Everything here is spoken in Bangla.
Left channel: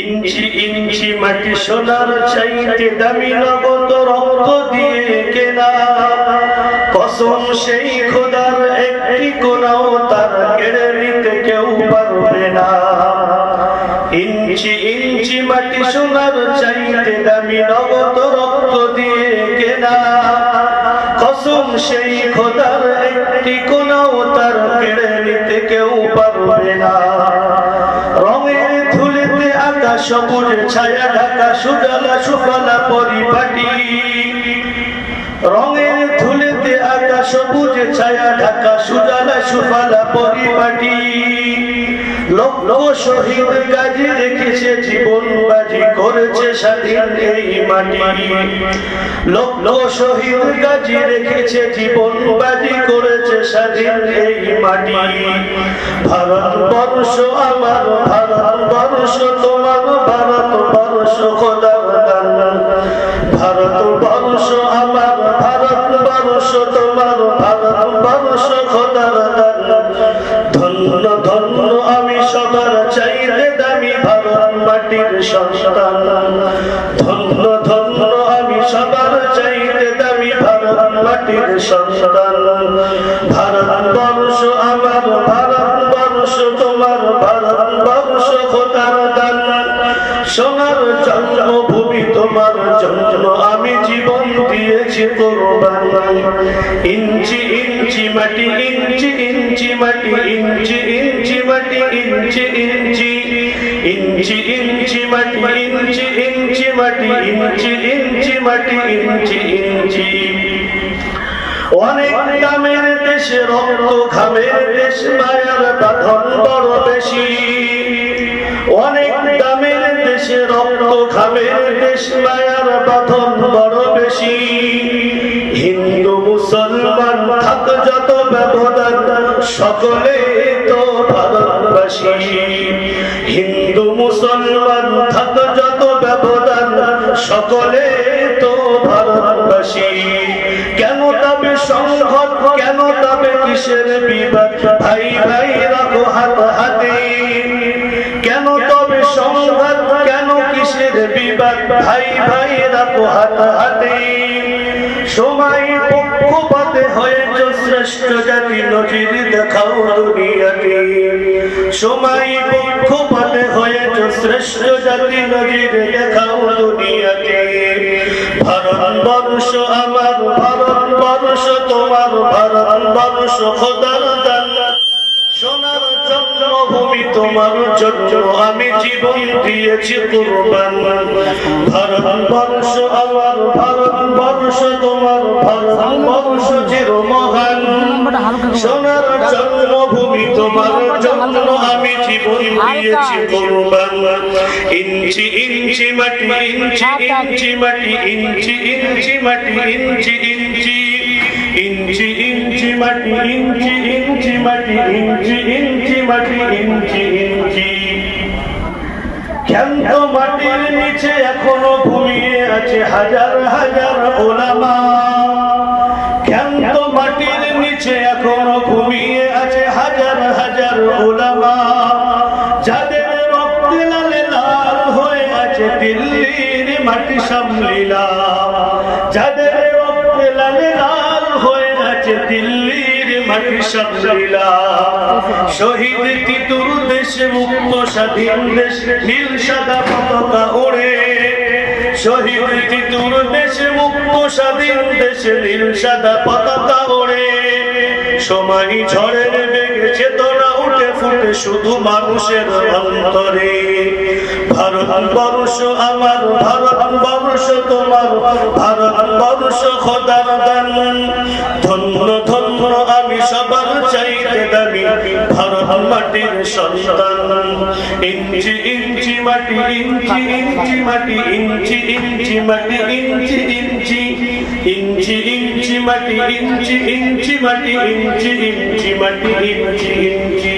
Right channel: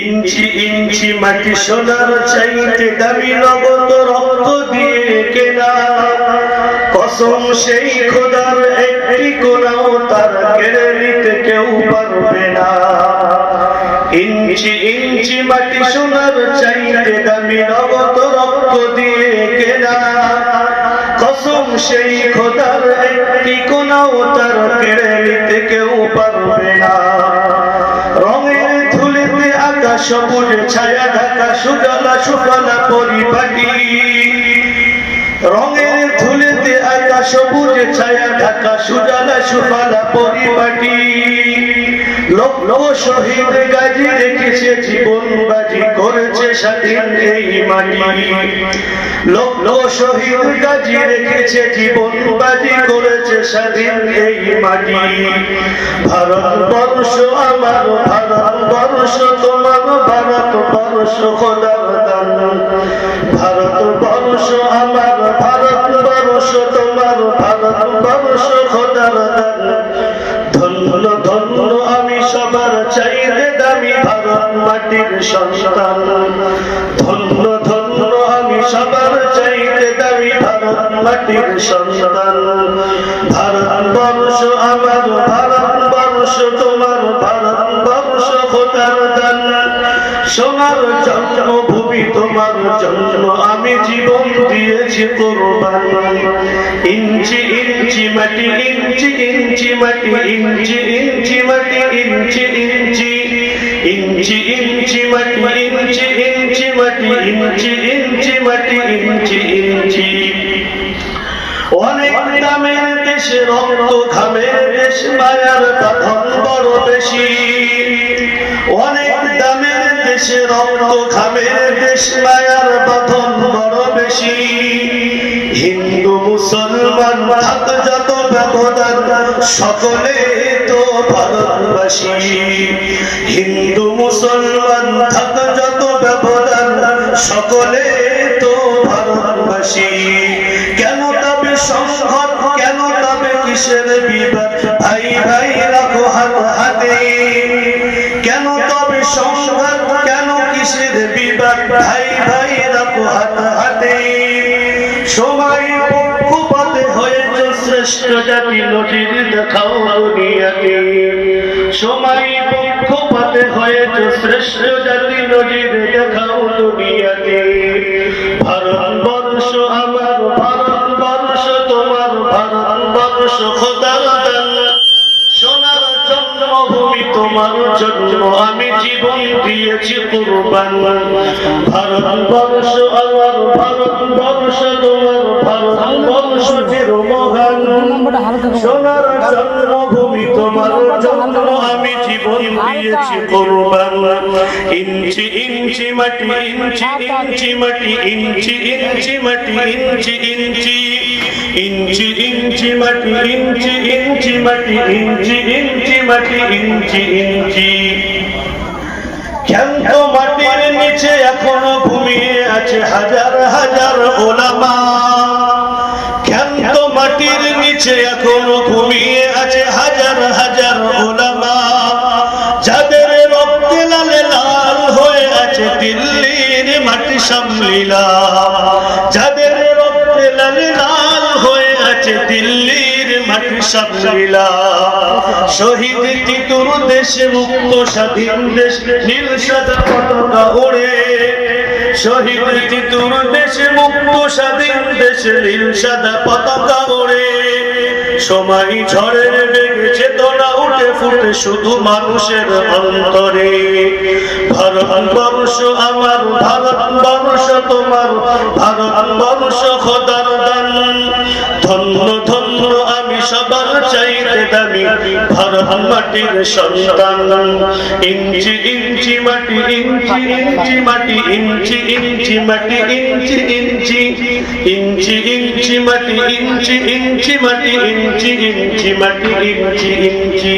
ইঞ্চি ইঞ্চি মাটি সোনার চাইতে দামি নগদ রক্ত দিয়ে কেনা কসম সেই খোদার একটি কোনাও তার কেড়ে নিতে কেউ পারবে না। ইঞ্চি ইঞ্চি মাটি সোনার চাইতে দামি নগদ রক্ত দিয়ে কেনা কসম সেই খোদার একটি কোনাও তার কেড়ে নিতে কেউ পারবে না। রঙের ধুলিতে আকাশ সবুজ ছায়া ঢাকা সুজলা সুফলা পরিপাটি, রঙের ধুলিতে আকাশ সবুজ ছায়া ঢাকা সুজলা সুফলা পরিপাটি। লক্ষ শহীদ গাজী রেখেছে জীবন বাজি করেছে স্বাধীন এই মাটি। লক্ষ শহীদ গাজী রেখেছে জীবন বাজি করেছে স্বাধীন এই মাটি। ভারতবর্ষ আমার ভারতবর্ষ তোমার ভারতবর্ষ খোদার দান। ভারতবর্ষ আমার ভারতবর্ষ তোমার ভারতবর্ষ খোদার দান। ধন্য ধন্য আমি সবার চাইতে দামি ভারত মাটির সন্তান। ধন্য ধন্য আমি সবার চাইতে দামি ভারত মাটির সন্তান। ভারতবর্ষ আমার ভারতবর্ষ তোমার ভারতবর্ষ খোদার দান। সোনার জন্মভূমি তোমার জন্য আমি জীবন দিয়েছি কোরবান। ইঞ্চি ইঞ্চি মাটি ইঞ্চি ইঞ্চি মাটি ইঞ্চি ইঞ্চি মাটি ইঞ্চি ইঞ্চি ইঞ্চি ইঞ্চি মাটি ইঞ্চি ইঞ্চি মাটি ইঞ্চি ইঞ্চি মাটি ইঞ্চি ইঞ্চি। অনেক দামের দেশ রক্ত ঘামের দেশ মায়ার বাঁধন বড় বেশি। অনেক দামের দেশে রক্ত ঘামের দেশ মায়ার বাঁধন বড় বেশি। হিন্দু মুসলমান থাক যত ব্যবধান সকলে তো ভারতবাসী। হিন্দু মুসলমান থাক যত ব্যবধান সকলে তো ভারতবাসী। কেন তবে সংঘাত কেন তবে কিসের বিবাদ ভাই ভাই রাখো হাত হাতে। কেন তবে সংঘাত কেন কিসের বিবাদ ভাই ভাই রাখো হাত হাতে। সময় পক্ষপাতে হয়েছে শ্রেষ্ঠ জাতি নজির দেখাও দুনিয়াকে। সময় পক্ষপাতে হয়েছে শ্রেষ্ঠ জাতি নজির দেখাও দুনিয়াকে। ভারতবর্ষ আমার ভারতবর্ষ তোমার ভারতবর্ষ খোদার দান। সোনার জন্মভূমি তোমার জন্য আমি জীবন দিয়েছি কুরবান। ভারতবর্ষ আমার ভারতবর্ষ তোমার ভারতবর্ষ চির মহান। সোনার জন্মভূমি তোমার জন্য আমি জীবন দিয়েছি কুরবান। ইঞ্চি ইঞ্চি মাটি ইঞ্চি ইঞ্চি মাটি ইঞ্চি ইঞ্চি মাটি ইঞ্চি ইঞ্চি ইঞ্চি ইঞ্চি মাটি ইঞ্চি ইঞ্চি মাটি ইঞ্চি ইঞ্চি মাটি ইঞ্চি ইঞ্চি। ক্ষান্ত মাটির নিচে এখনো ঘুমিয়ে আছে হাজার হাজার ওলামা। ক্ষান্ত মাটির নিচে এখনো ঘুমিয়ে আছে হাজার হাজার ওলামা। যাদের রক্তে লালে লাল হয়ে আছে দিল্লির মাটি সামলিলা। যাদের রক্তে লালে লাল হয়ে আছে দিল্লির মাটি সামলিলা। শহীদ তিতুর দেশে মুক্ত স্বাধীন দেশ নীল সাদা পতাকা ওড়ে। শহীদ তিতুর দেশে মুক্ত স্বাধীন দেশ নীল সাদা পতাকা ওড়ে। সময় ঝড়ের বেগে চেতনা উঠে ফুটে শুধু মানুষের অন্তরে। ভারতবর্ষ আমার ভারতবর্ষ তোমার ভারতবর্ষ খোদার দান। ধন্য ধন্য আমি সবার চাইতে দামি ভারত মাটির সন্তান। ইঞ্চি ইঞ্চি মাটি ইঞ্চি ইঞ্চি মাটি ইঞ্চি ইঞ্চি মাটি ইঞ্চি ইঞ্চি ইঞ্চি ইঞ্চি মাটি ইঞ্চি ইঞ্চি মাটি ইঞ্চি ইঞ্চি মাটি ইঞ্চি ইঞ্চি।